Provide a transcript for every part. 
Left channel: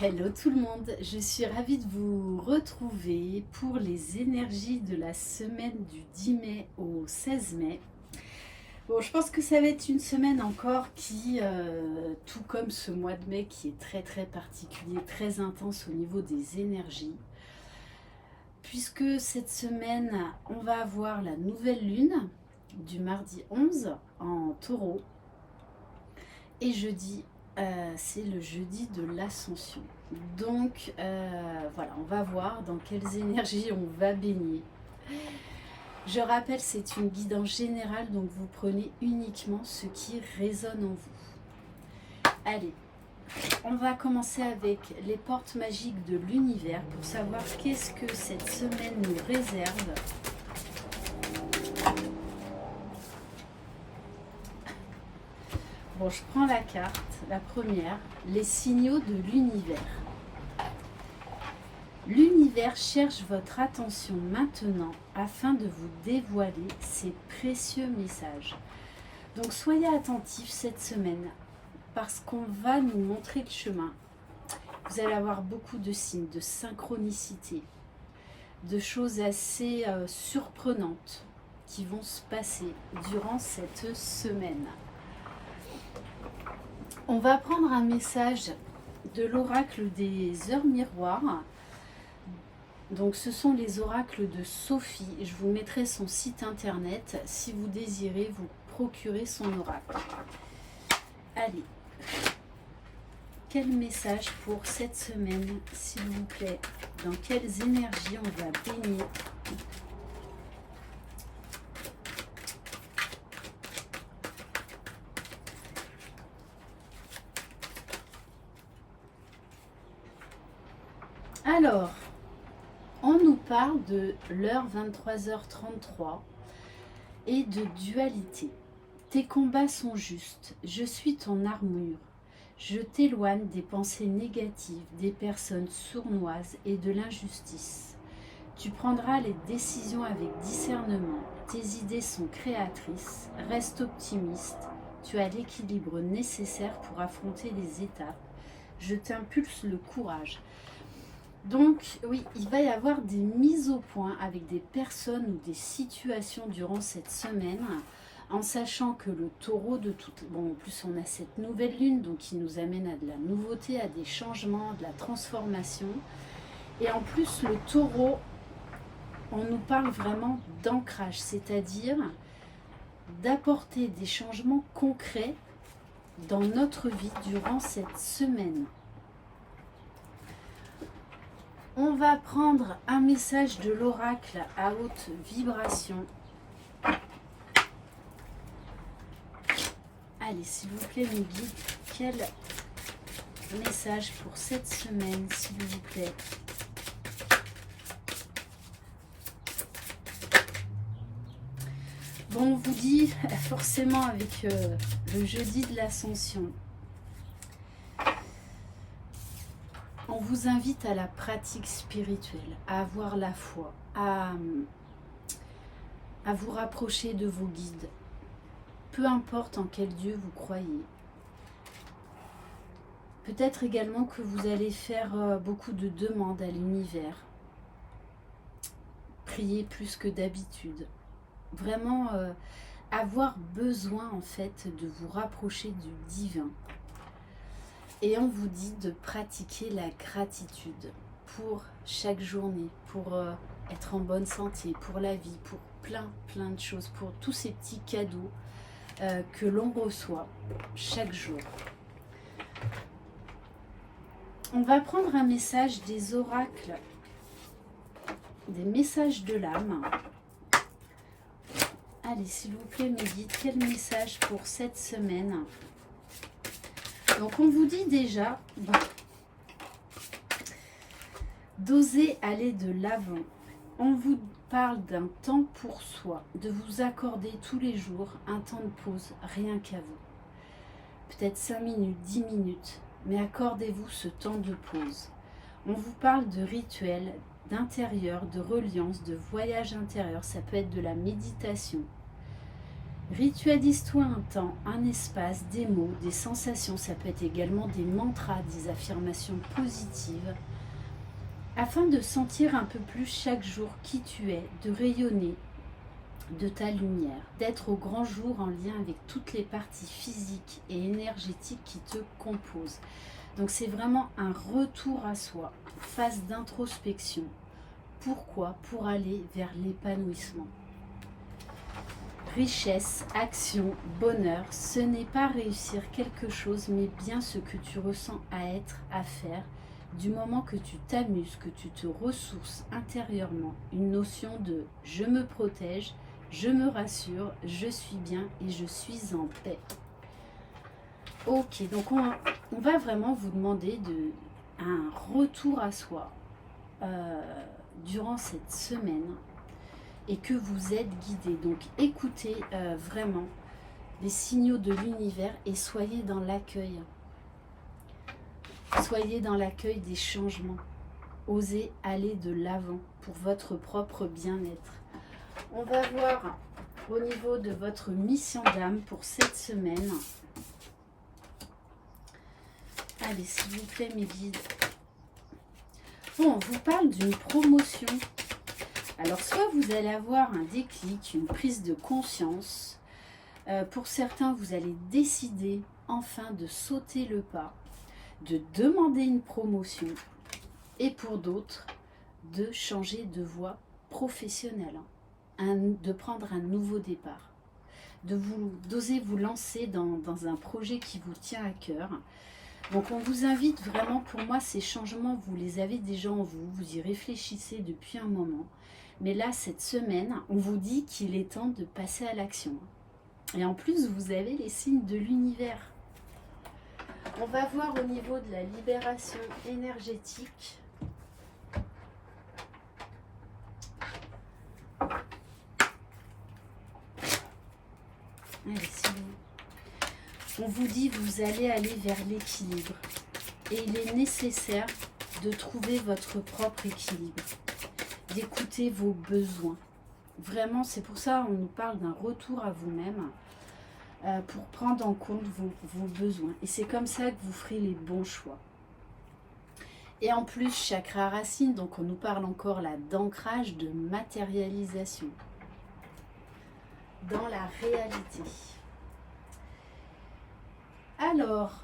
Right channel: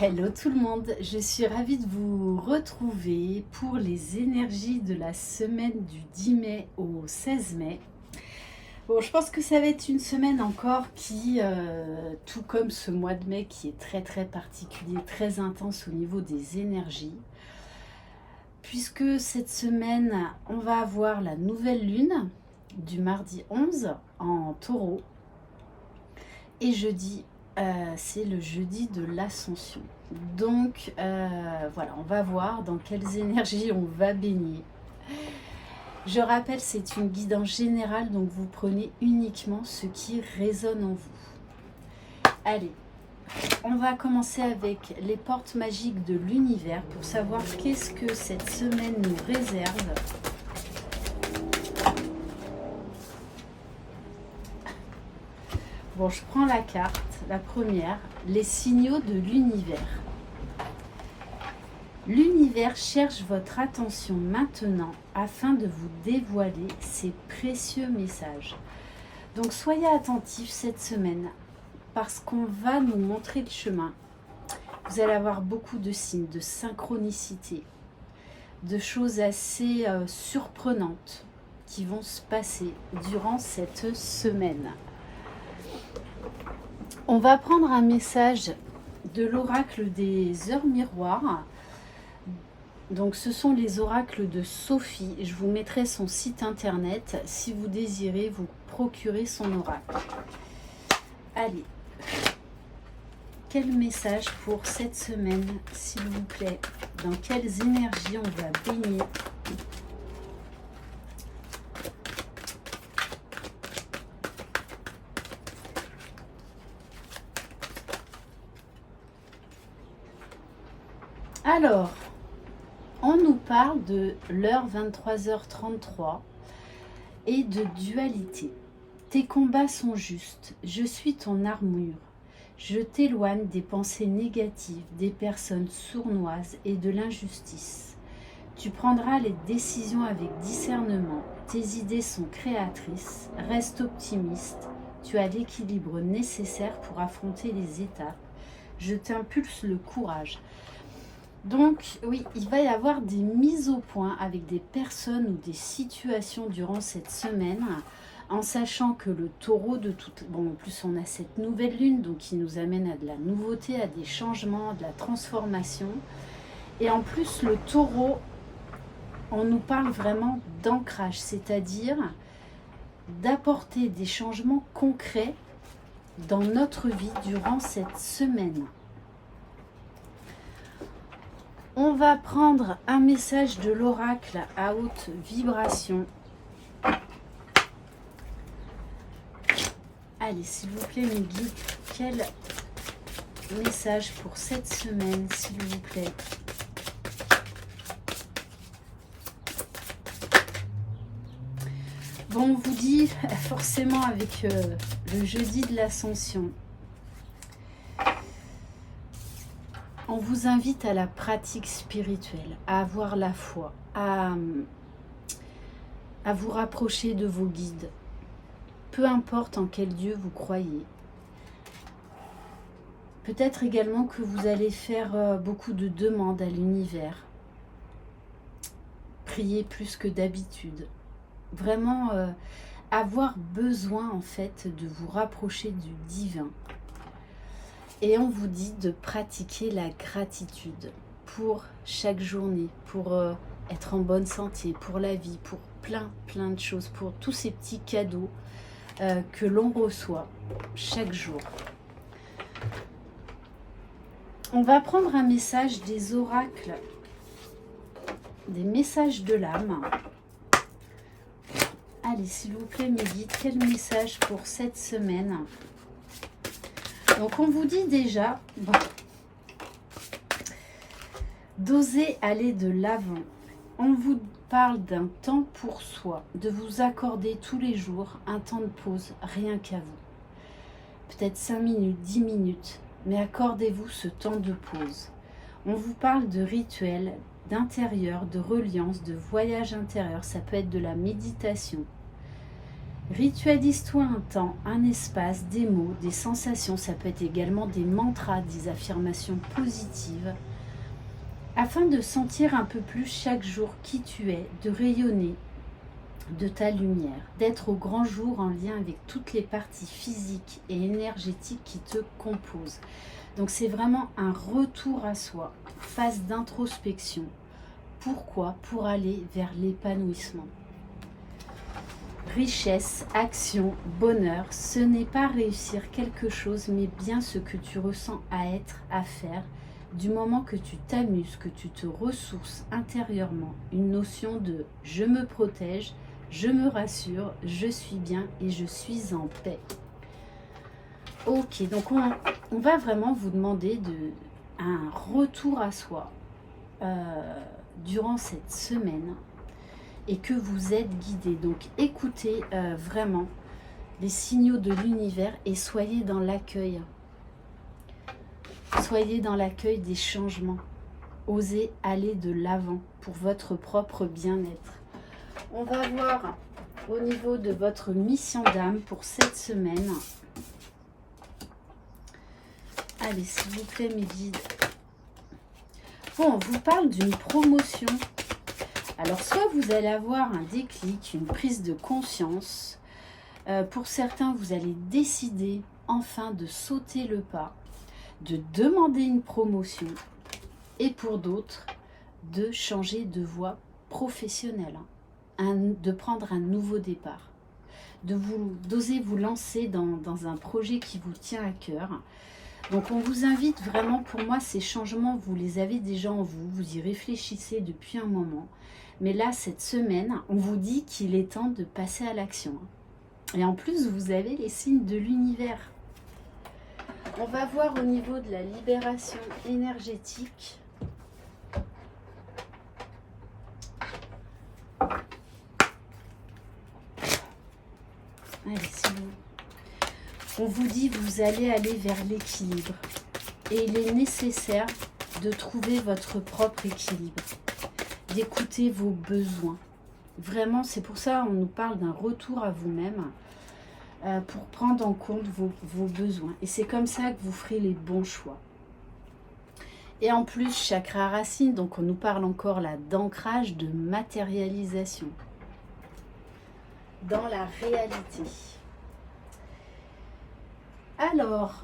Hello tout le monde, je suis ravie de vous retrouver pour les énergies de la semaine du 10 mai au 16 mai. Bon, je pense que ça va être une semaine encore qui, tout comme ce mois de mai qui est très particulier, très intense au niveau des énergies, puisque cette semaine, on va avoir la nouvelle lune du mardi 11 en taureau et jeudi c'est le jeudi de l'ascension. Donc voilà, on va voir dans quelles énergies on va baigner. Je rappelle, c'est une guidance générale, donc vous prenez uniquement ce qui résonne en vous. Allez, on va commencer avec les portes magiques de l'univers pour savoir qu'est-ce que cette semaine nous réserve. Bon, je prends la carte, la première, les signaux de l'univers. L'univers cherche votre attention maintenant afin de vous dévoiler ses précieux messages. Donc soyez attentifs cette semaine parce qu'on va nous montrer le chemin. Vous allez avoir beaucoup de signes, de synchronicité, de choses assez surprenantes qui vont se passer durant cette semaine. On va prendre un message de l'oracle des heures miroirs. Donc ce sont les oracles de Sophie. Je vous mettrai son site internet si vous désirez vous procurer son oracle. Allez, quel message pour cette semaine, s'il vous plaît? Dans quelles énergies on va baigner? Alors, on nous parle de l'heure 23h33 et de dualité. Tes combats sont justes, je suis ton armure. Je t'éloigne des pensées négatives, des personnes sournoises et de l'injustice. Tu prendras les décisions avec discernement. Tes idées sont créatrices, reste optimiste. Tu as l'équilibre nécessaire pour affronter les étapes. Je t'impulse le courage. Donc oui, il va y avoir des mises au point avec des personnes ou des situations durant cette semaine, en sachant que le taureau de tout... Bon, en plus on a cette nouvelle lune, donc qui nous amène à de la nouveauté, à des changements, de la transformation. Et en plus le taureau, on nous parle vraiment d'ancrage, c'est-à-dire d'apporter des changements concrets dans notre vie durant cette semaine. On va prendre un message de l'oracle à haute vibration. Allez, s'il vous plaît, mes guides, quel message pour cette semaine, s'il vous plaît? Bon, on vous dit forcément avec le jeudi de l'ascension. On vous invite à la pratique spirituelle, à avoir la foi, à vous rapprocher de vos guides. Peu importe en quel Dieu vous croyez. Peut-être également que vous allez faire beaucoup de demandes à l'univers. Prier plus que d'habitude. Vraiment avoir besoin en fait de vous rapprocher du divin. Et on vous dit de pratiquer la gratitude pour chaque journée, pour être en bonne santé, pour la vie, pour plein de choses, pour tous ces petits cadeaux que l'on reçoit chaque jour. On va prendre un message des oracles, des messages de l'âme. Allez, s'il vous plaît, mes guides, quel message pour cette semaine? Donc on vous dit déjà d'oser aller de l'avant. On vous parle d'un temps pour soi, de vous accorder tous les jours un temps de pause, rien qu'à vous. Peut-être 5 minutes, 10 minutes, mais accordez-vous ce temps de pause. On vous parle de rituels, d'intérieur, de reliance, de voyage intérieur, ça peut être de la méditation. Ritualise-toi un temps, un espace, des mots, des sensations, ça peut être également des mantras, des affirmations positives, afin de sentir un peu plus chaque jour qui tu es, de rayonner de ta lumière, d'être au grand jour en lien avec toutes les parties physiques et énergétiques qui te composent. Donc c'est vraiment un retour à soi, phase d'introspection. Pourquoi? Pour aller vers l'épanouissement. Richesse, action, bonheur, ce n'est pas réussir quelque chose, mais bien ce que tu ressens à être, à faire, du moment que tu t'amuses, que tu te ressources intérieurement. Une notion de « je me protège », je me rassure, je suis bien et je suis en paix. Ok, donc on va vraiment vous demander un retour à soi durant cette semaine et que vous êtes guidé. Donc écoutez vraiment les signaux de l'univers et soyez dans l'accueil. Soyez dans l'accueil des changements. Osez aller de l'avant pour votre propre bien-être. On va voir au niveau de votre mission d'âme pour cette semaine. Allez, s'il vous plaît, mes guides. Bon, on vous parle d'une promotion. Alors, soit vous allez avoir un déclic, une prise de conscience. Pour certains, vous allez décider enfin de sauter le pas, de demander une promotion. Et pour d'autres, de changer de voie professionnelle. De prendre un nouveau départ, d'oser vous lancer dans un projet qui vous tient à cœur. Donc on vous invite vraiment, pour moi ces changements, vous les avez déjà en vous, vous y réfléchissez depuis un moment. Mais là, cette semaine, on vous dit qu'il est temps de passer à l'action. Et en plus, vous avez les signes de l'univers. On va voir au niveau de la libération énergétique. Allez, on vous dit vous allez aller vers l'équilibre et il est nécessaire de trouver votre propre équilibre, d'écouter vos besoins. Vraiment, c'est pour ça qu'on nous parle d'un retour à vous-même pour prendre en compte vos besoins. Et c'est comme ça que vous ferez les bons choix. Et en plus, chakra racine, donc on nous parle encore là d'ancrage, de matérialisation dans la réalité. Alors,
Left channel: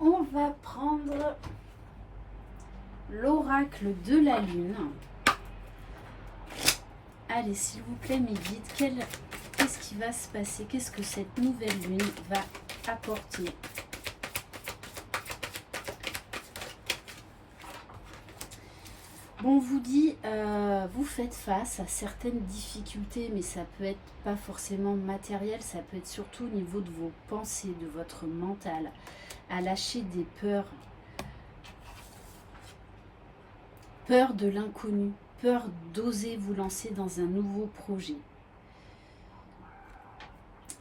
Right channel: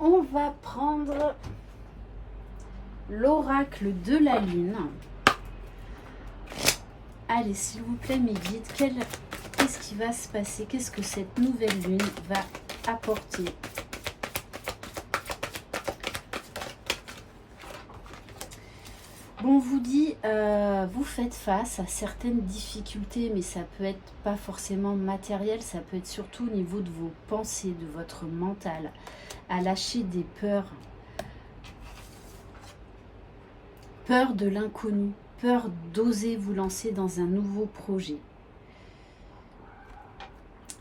on va prendre l'oracle de la lune. Allez, s'il vous plaît, mes guides, qu'est-ce qui va se passer? Qu'est-ce que cette nouvelle lune va apporter? Bon, on vous dit, vous faites face à certaines difficultés, mais ça peut être pas forcément matériel, ça peut être surtout au niveau de vos pensées, de votre mental, à lâcher des peurs. Peur de l'inconnu, peur d'oser vous lancer dans un nouveau projet.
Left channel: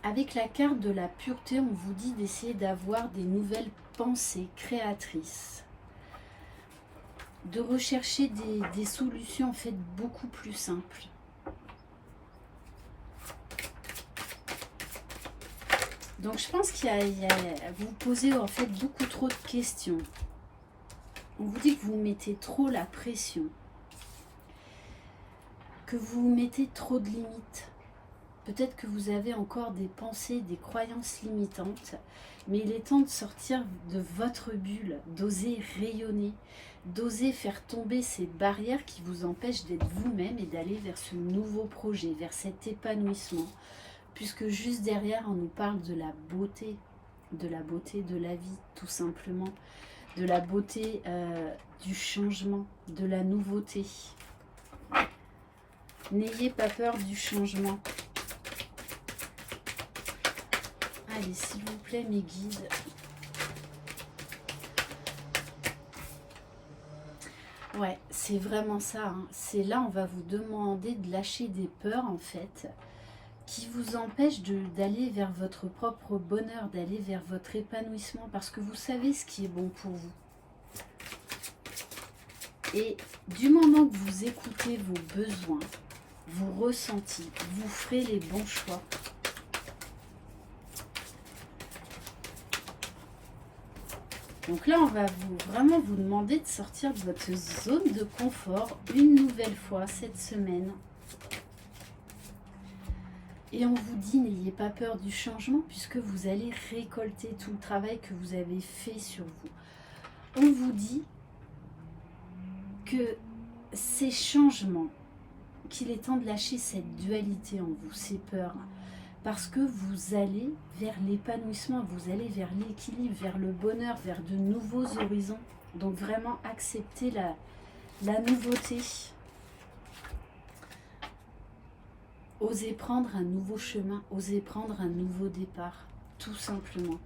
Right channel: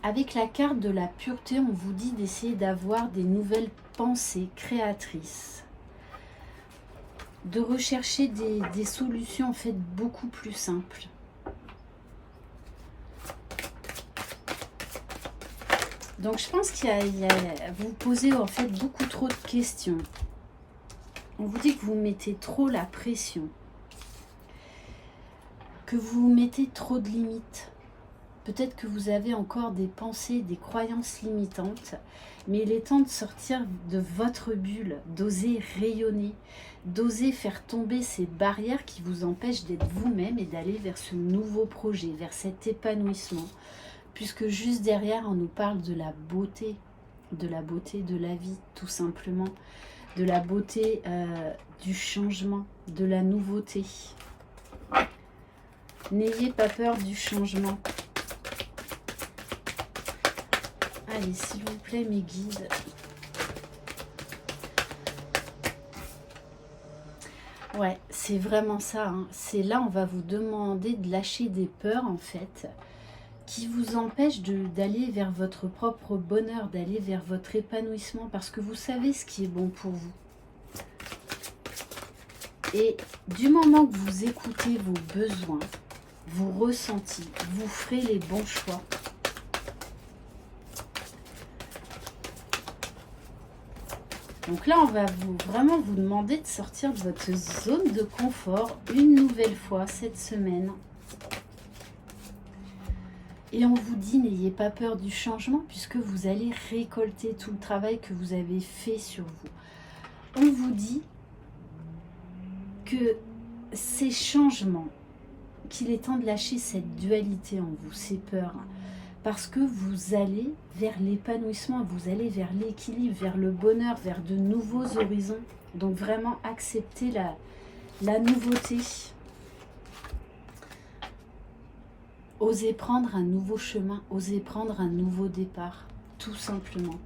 Avec la carte de la pureté, on vous dit d'essayer d'avoir des nouvelles pensées créatrices. De rechercher des solutions en fait beaucoup plus simples. Donc je pense vous posez en fait beaucoup trop de questions. On vous dit que vous mettez trop la pression, que vous mettez trop de limites. Peut-être que vous avez encore des pensées, des croyances limitantes, mais il est temps de sortir de votre bulle, d'oser rayonner, d'oser faire tomber ces barrières qui vous empêchent d'être vous-même et d'aller vers ce nouveau projet, vers cet épanouissement. Puisque juste derrière, on nous parle de la beauté de la vie, tout simplement, de la beauté du changement, de la nouveauté. N'ayez pas peur du changement. Allez, s'il vous plaît, mes guides. Ouais, c'est vraiment ça. Hein. C'est là, on va vous demander de lâcher des peurs, en fait, qui vous empêchent d'aller vers votre propre bonheur, d'aller vers votre épanouissement, parce que vous savez ce qui est bon pour vous. Et du moment que vous écoutez vos besoins, vos ressentis. Vous ferez les bons choix. Donc là, on va vraiment vous demander de sortir de votre zone de confort une nouvelle fois cette semaine. Et on vous dit, n'ayez pas peur du changement puisque vous allez récolter tout le travail que vous avez fait sur vous. On vous dit que ces changements, qu'il est temps de lâcher cette dualité en vous, ces peurs, parce que vous allez vers l'épanouissement, vous allez vers l'équilibre, vers le bonheur, vers de nouveaux horizons. Donc vraiment acceptez la nouveauté. Osez prendre un nouveau chemin, osez prendre un nouveau départ, tout simplement.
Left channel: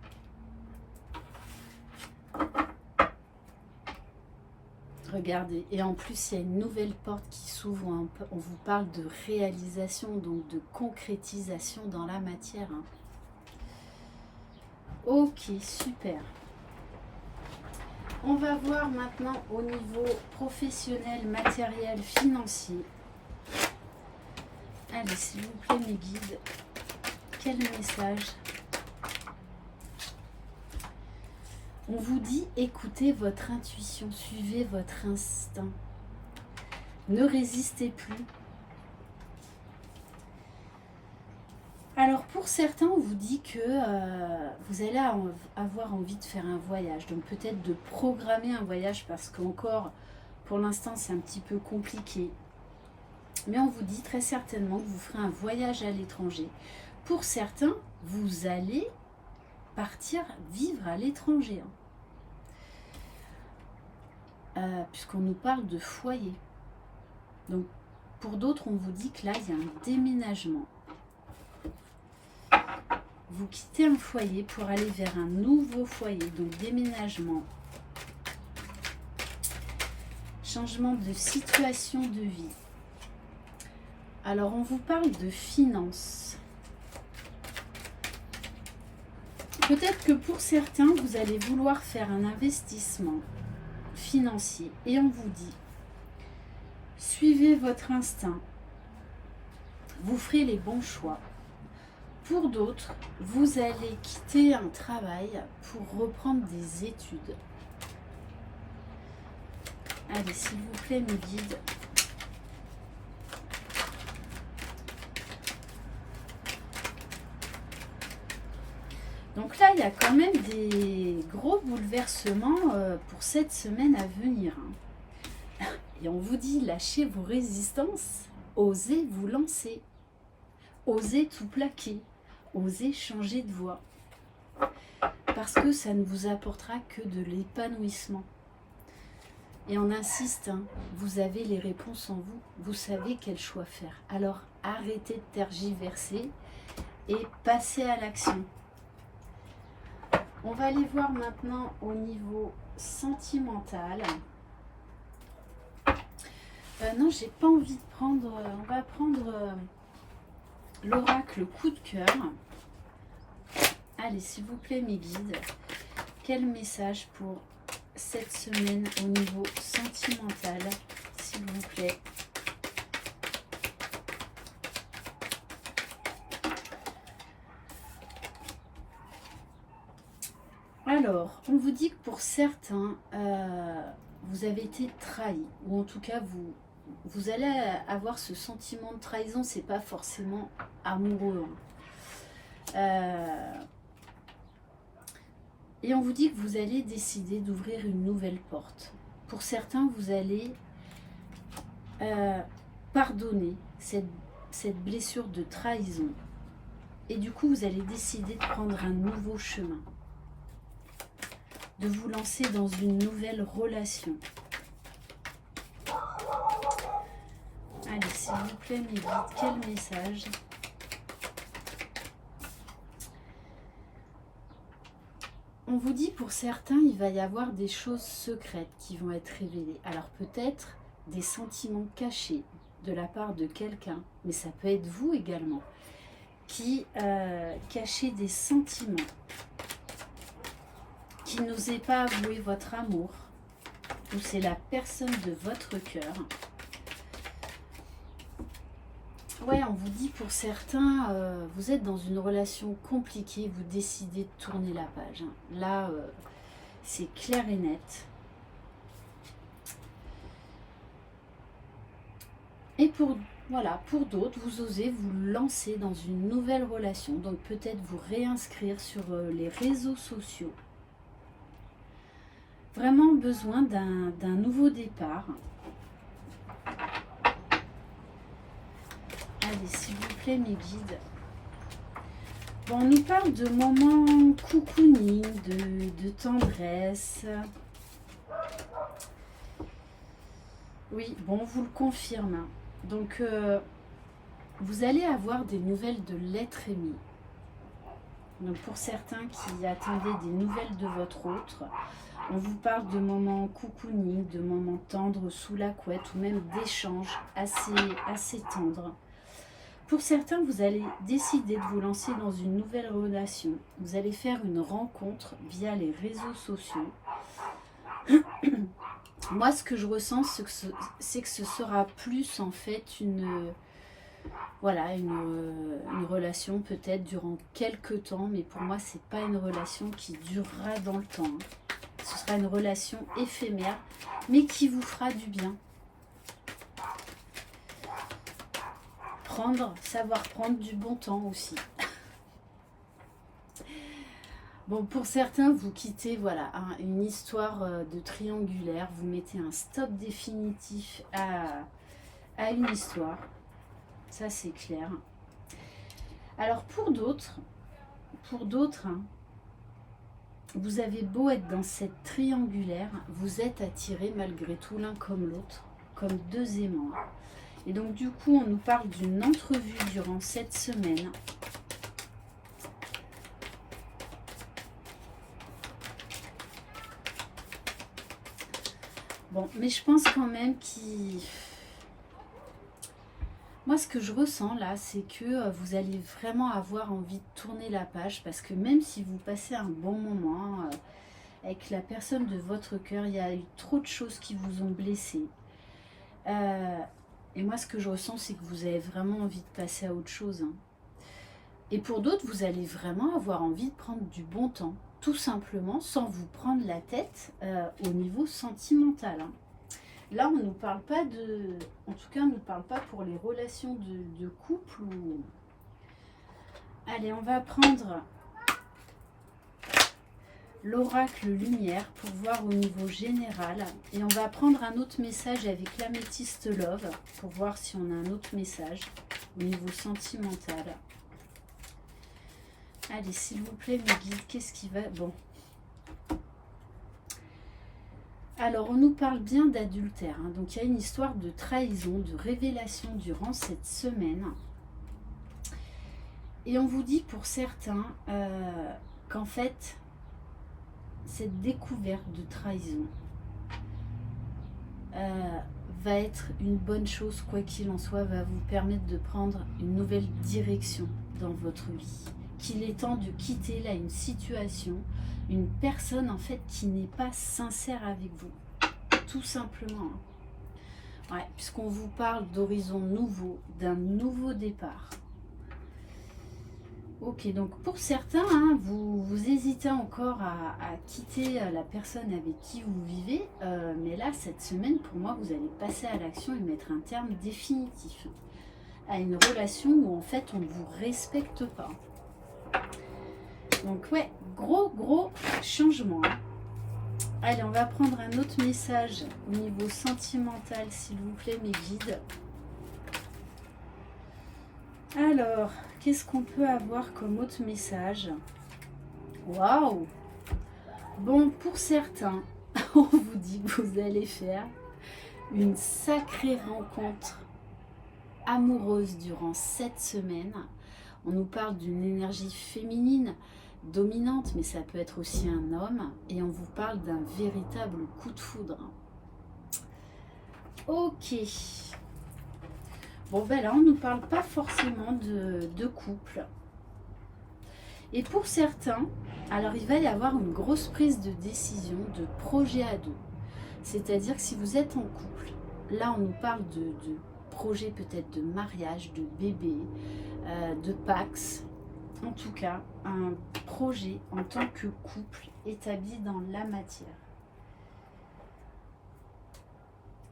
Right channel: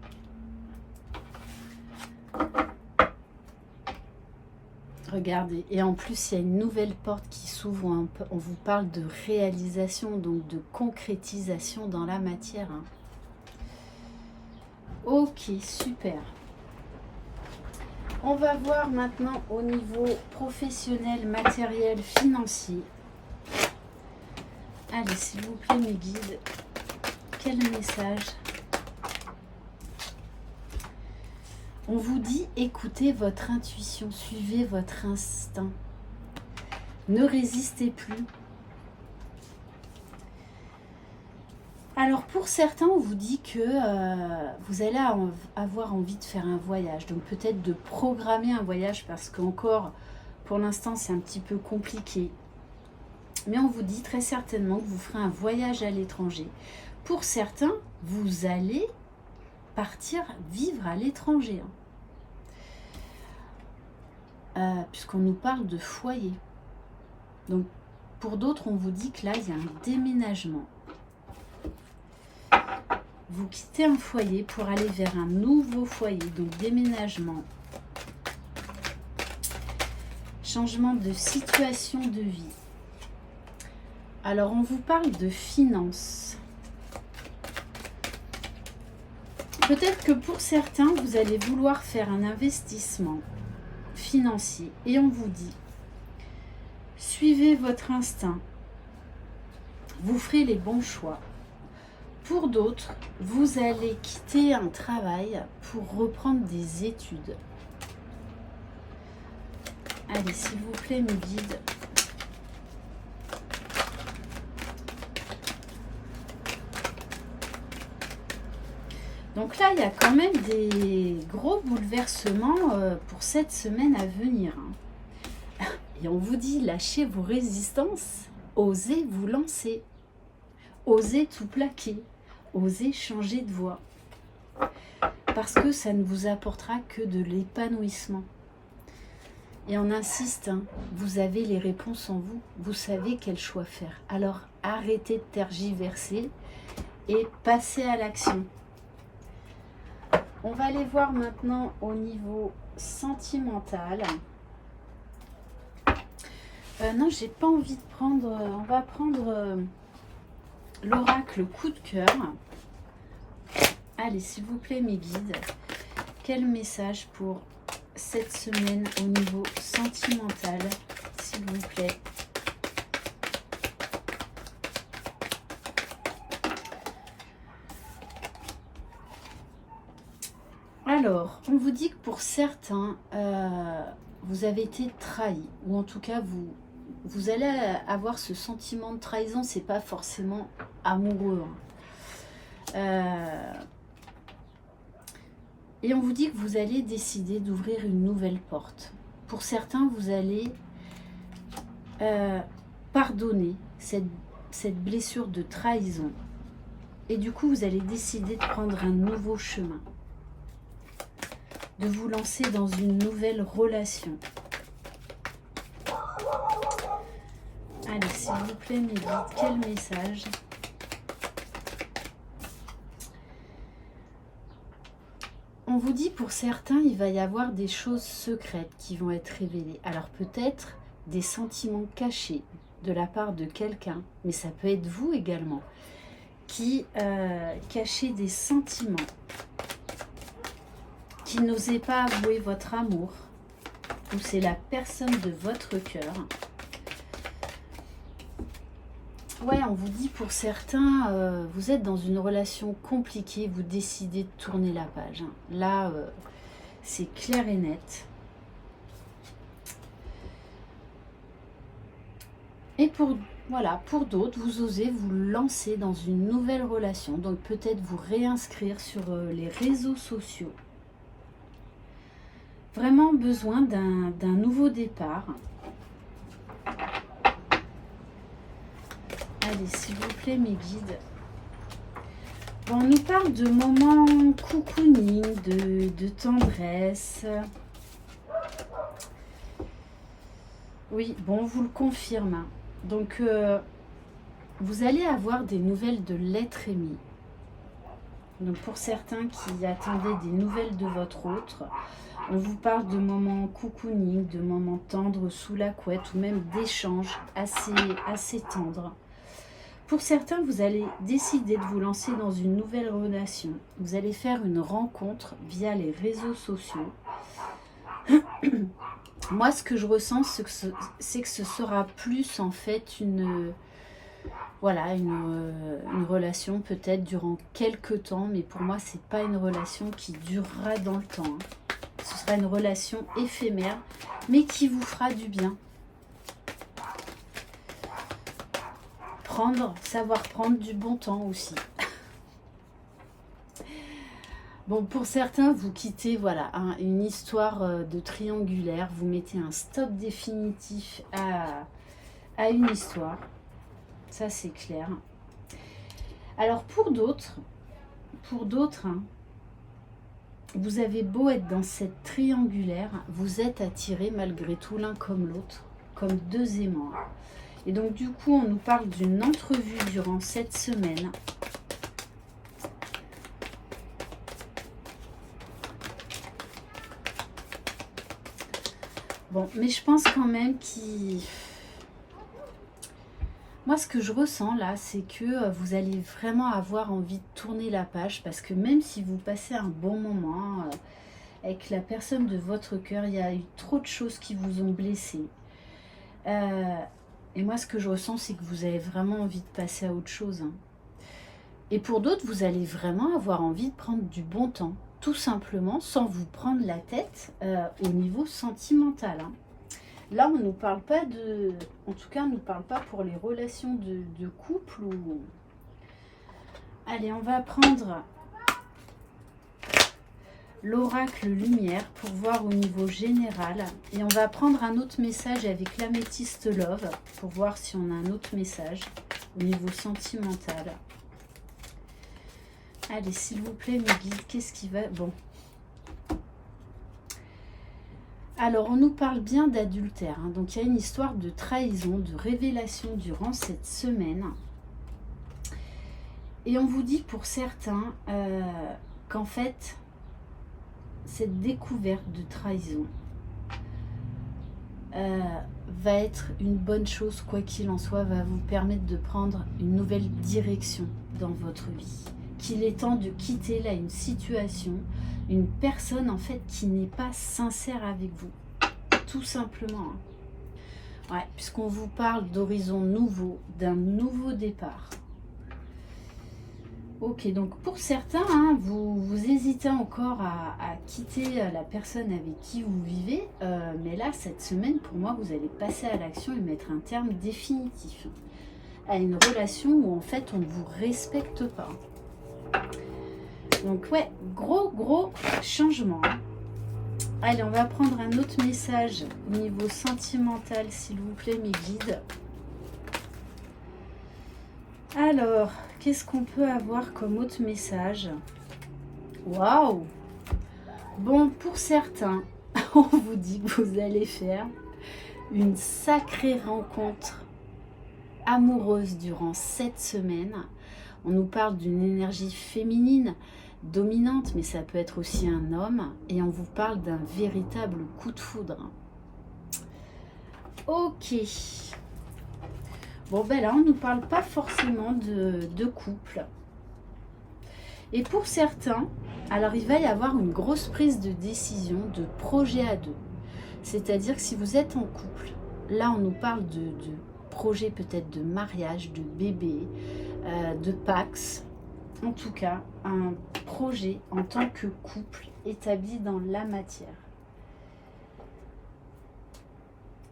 Regardez, et en plus il y a une nouvelle porte qui s'ouvre, on vous parle de réalisation, donc de concrétisation dans la matière. Ok, super. On va voir maintenant au niveau professionnel, matériel, financier. Allez, s'il vous plaît mes guides, quel message? On vous dit, écoutez votre intuition, suivez votre instinct. Ne résistez plus. Alors pour certains, on vous dit que vous allez avoir envie de faire un voyage. Donc peut-être de programmer un voyage parce qu'encore, pour l'instant, c'est un petit peu compliqué. Mais on vous dit très certainement que vous ferez un voyage à l'étranger. Pour certains, vous allez partir vivre à l'étranger. Puisqu'on nous parle de foyer. Donc, pour d'autres, on vous dit que là, il y a un déménagement. Vous quittez un foyer pour aller vers un nouveau foyer. Donc, déménagement. Changement de situation de vie. Alors, on vous parle de finances. Peut-être que pour certains, vous allez vouloir faire un investissement financier. Et on vous dit, suivez votre instinct. Vous ferez les bons choix. Pour d'autres, vous allez quitter un travail pour reprendre des études. Allez, s'il vous plaît, mes guides. Donc là, il y a quand même des gros bouleversements pour cette semaine à venir. Et on vous dit, lâchez vos résistances, osez vous lancer, osez tout plaquer, osez changer de voie. Parce que ça ne vous apportera que de l'épanouissement. Et on insiste, vous avez les réponses en vous, vous savez quel choix faire. Alors arrêtez de tergiverser et passez à l'action. On va aller voir maintenant au niveau sentimental. Non, j'ai pas envie de prendre... on va prendre l'oracle coup de cœur. Allez, s'il vous plaît, mes guides. Quel message pour cette semaine au niveau sentimental, s'il vous plaît? Alors, on vous dit que pour certains, vous avez été trahi, ou en tout cas, vous allez avoir ce sentiment de trahison, c'est pas forcément amoureux. Et on vous dit que vous allez décider d'ouvrir une nouvelle porte. Pour certains, vous allez pardonner cette blessure de trahison. Et du coup, vous allez décider de prendre un nouveau chemin. De vous lancer dans une nouvelle relation. Allez, s'il vous plaît, mes guides, quel message? On vous dit pour certains, il va y avoir des choses secrètes qui vont être révélées. Alors peut-être des sentiments cachés de la part de quelqu'un, mais ça peut être vous également, qui cachez des sentiments, qui n'osez pas avouer votre amour, ou c'est la personne de votre cœur. Ouais, on vous dit pour certains, vous êtes dans une relation compliquée, vous décidez de tourner la page, hein. Là, c'est clair et net. Et voilà, pour d'autres, vous osez vous lancer dans une nouvelle relation, donc peut-être vous réinscrire sur les réseaux sociaux. Vraiment besoin d'un nouveau départ. Allez, s'il vous plaît, mes guides. Bon, on nous parle de moments cocooning, de tendresse. Oui, bon, on vous le confirme. Donc, vous allez avoir des nouvelles de l'être aimé. Donc, pour certains qui attendaient des nouvelles de votre autre, on vous parle de moments cocooning, de moments tendres sous la couette ou même d'échanges assez tendres. Pour certains, vous allez décider de vous lancer dans une nouvelle relation. Vous allez faire une rencontre via les réseaux sociaux. Moi, ce que je ressens, c'est que ce sera plus en fait une relation peut-être durant quelques temps, mais pour moi, c'est pas une relation qui durera dans le temps, hein. Ce sera une relation éphémère, mais qui vous fera du bien. Savoir prendre du bon temps aussi. Bon, pour certains, vous quittez une histoire de triangulaire, vous mettez un stop définitif à une histoire. Ça, c'est clair. Alors, pour d'autres, hein, vous avez beau être dans cette triangulaire, vous êtes attirés malgré tout l'un comme l'autre, comme deux aimants. Et donc, du coup, on nous parle d'une entrevue durant cette semaine. Bon, mais je pense quand même Moi, ce que je ressens là, c'est que vous allez vraiment avoir envie de tourner la page parce que même si vous passez un bon moment avec la personne de votre cœur, il y a eu trop de choses qui vous ont blessé. Et moi, ce que je ressens, c'est que vous avez vraiment envie de passer à autre chose, hein. Et pour d'autres, vous allez vraiment avoir envie de prendre du bon temps, tout simplement, sans vous prendre la tête au niveau sentimental, hein. Là, on ne nous parle pas de... En tout cas, on ne nous parle pas pour les relations de couple. Allez, on va prendre l'oracle lumière pour voir au niveau général. Et on va prendre un autre message avec l'améthyste love pour voir si on a un autre message au niveau sentimental. Allez, s'il vous plaît, mes guides, qu'est-ce qui va... Bon. Alors, on nous parle bien d'adultère, hein. Donc, il y a une histoire de trahison, de révélation durant cette semaine. Et on vous dit pour certains qu'en fait, cette découverte de trahison va être une bonne chose, quoi qu'il en soit, va vous permettre de prendre une nouvelle direction dans votre vie. Qu'il est temps de quitter là une situation, une personne en fait qui n'est pas sincère avec vous, tout simplement, hein. Ouais, puisqu'on vous parle d'horizons nouveaux, d'un nouveau départ. Ok, donc pour certains, hein, vous hésitez encore à quitter la personne avec qui vous vivez, mais là, cette semaine, pour moi, vous allez passer à l'action et mettre un terme définitif à une relation où en fait, on ne vous respecte pas. Donc ouais, gros changement. Allez, on va prendre un autre message au niveau sentimental, s'il vous plaît, mes guides. Alors, qu'est-ce qu'on peut avoir comme autre message? Waouh! Bon, pour certains, on vous dit que vous allez faire une sacrée rencontre amoureuse durant cette semaine. On nous parle d'une énergie féminine dominante, mais ça peut être aussi un homme, et on vous parle d'un véritable coup de foudre. Ok. Bon, ben là, on ne nous parle pas forcément de couple. Et pour certains, alors il va y avoir une grosse prise de décision, de projet à deux. C'est-à-dire que si vous êtes en couple, là, on nous parle projet peut-être de mariage, de bébé, de Pax. En tout cas, un projet en tant que couple établi dans la matière.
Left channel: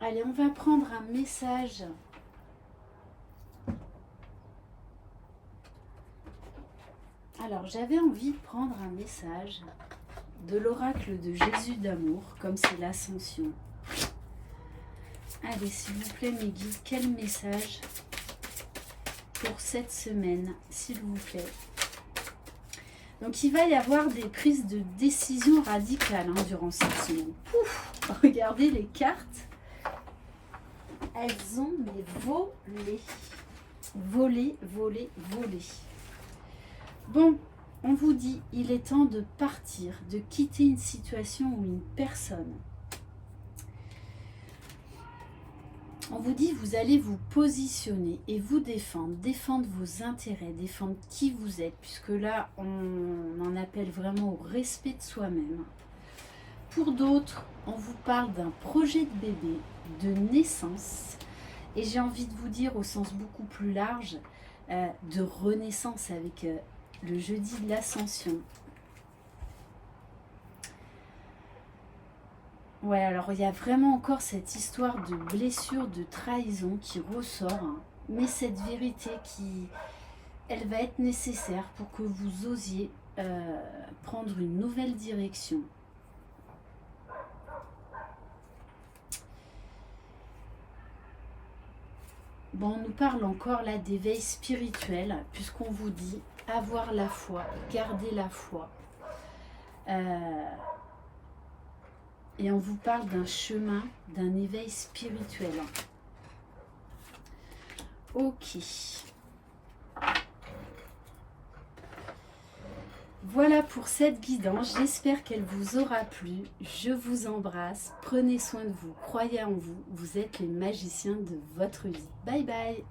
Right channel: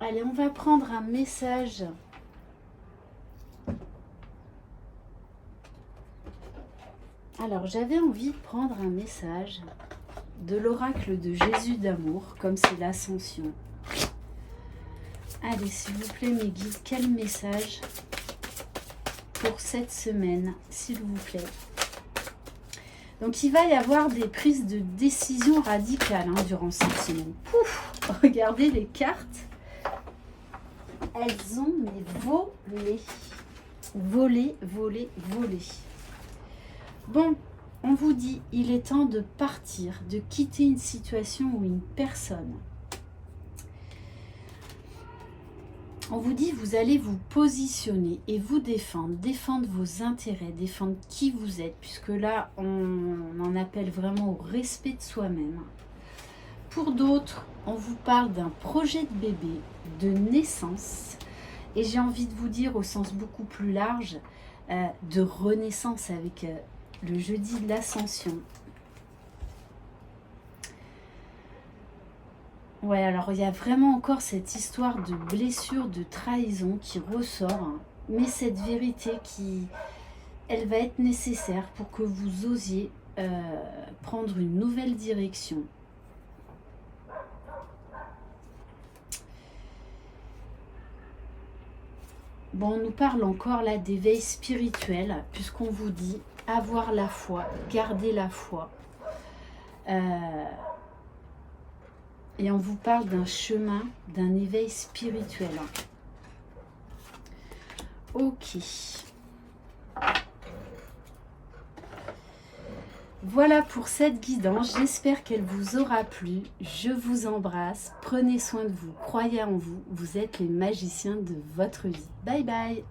Allez, on va prendre un message. Alors, j'avais envie de prendre un message de l'oracle de Jésus d'amour, comme c'est l'ascension. Allez, s'il vous plaît, mes guides, quel message pour cette semaine, s'il vous plaît? Donc, il va y avoir des prises de décision radicales durant cette semaine. Pouf, regardez les cartes. Elles ont volé. Volé, volé, volé. Bon, on vous dit, il est temps de partir, de quitter une situation ou une personne. On vous dit, vous allez vous positionner et vous défendre vos intérêts, défendre qui vous êtes, puisque là, on en appelle vraiment au respect de soi-même. Pour d'autres, on vous parle d'un projet de bébé, de naissance, et j'ai envie de vous dire au sens beaucoup plus large, de renaissance avec le jeudi de l'ascension. Ouais, alors il y a vraiment encore cette histoire de blessure, de trahison qui ressort, mais cette vérité elle va être nécessaire pour que vous osiez prendre une nouvelle direction. Bon, on nous parle encore là d'éveil spirituel, puisqu'on vous dit avoir la foi, garder la foi. Et on vous parle d'un chemin, d'un éveil spirituel. Ok. Voilà pour cette guidance. J'espère qu'elle vous aura plu. Je vous embrasse. Prenez soin de vous. Croyez en vous. Vous êtes les magiciens de votre vie. Bye bye.